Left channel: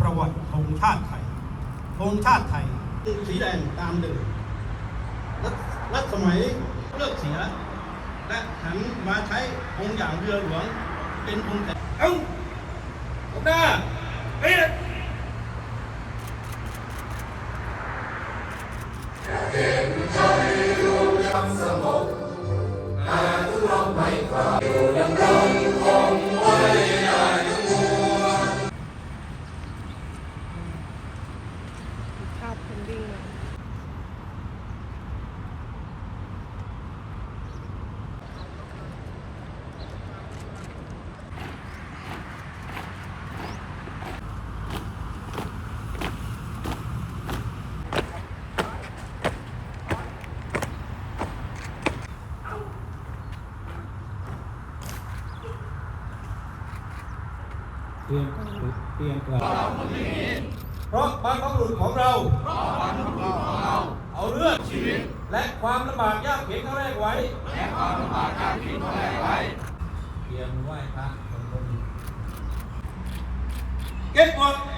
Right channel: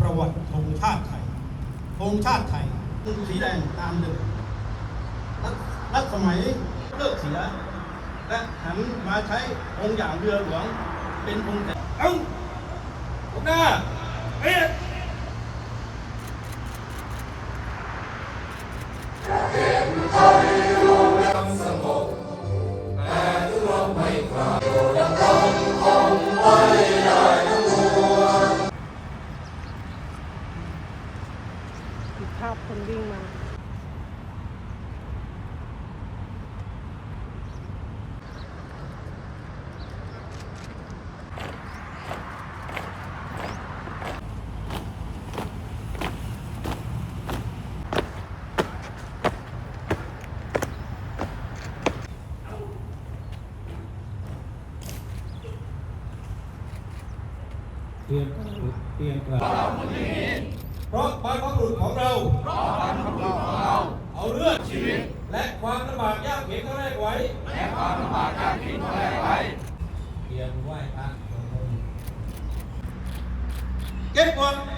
ประวัติธงชาติไทยธงชาติไทยตึงสีแดงตามเดิมรัฐสมัยเลิกเสีย และหันมาใช้องค์อย่างเรือหลวงเป็นธงค์เอ้าหน้าเอ๊ะ มีภาพคนวิ่งมา เตรียมเตรียมกล่าว เพราะบรรพบุรุษของเรา เอาเลือดชีวิต และความลำบากยากเข็นเขาแรกไว้ และความลำบากยากเข็นเขาแรกไว้เตรียมไหว้พระเก็บก่อนบ